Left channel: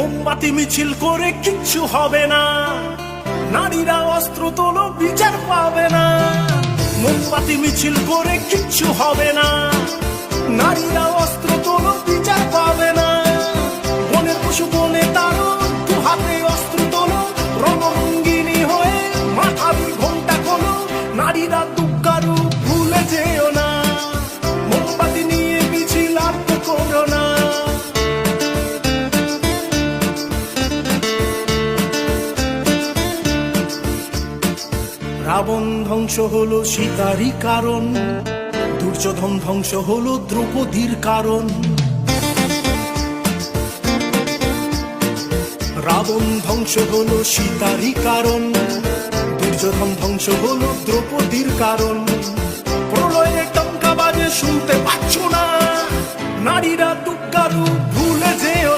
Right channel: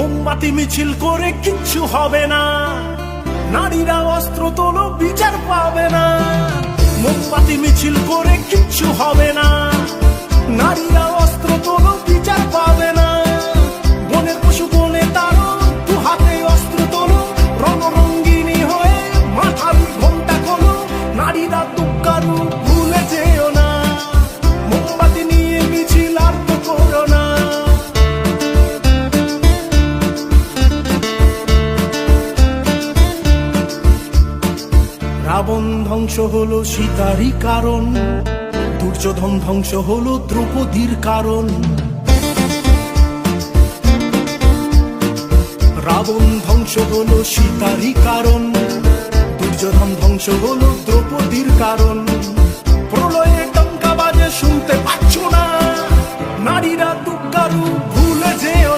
মোমবাতি মিছিল করে কিচ্ছু হবে না, নারীরা অস্ত্র তোলো বিচার পাবে না। মোমবাতি মিছিল করে কিচ্ছু হবে না, নারীরা অস্ত্র তোলো বিচার পাবে না। বনের পশু বনে তারো, দু হাতে অস্ত্র তোলো, রণরঙ্গিনী হয়ে মাথার ঘোমটা খোলো। নারীরা দুঃখারু ভুলে যেও না, মোমবাতি নিয়ে মিছিল আর তো করো না। রাবণ ধ্বংস হলো সীতারই কারণ, দুর্যোধন ধ্বংস হলো দ্রৌপদীর কারণ। রাবণ ধ্বংস হলো সীতারই কারণ, দুর্যোধন ধ্বংস হলো দ্রৌপদীর কারণ। প্রলয়ে টঙ্কা বাজে শুনতে পাচ্ছ না, নারীরা দুঃখারু ভুলে যেও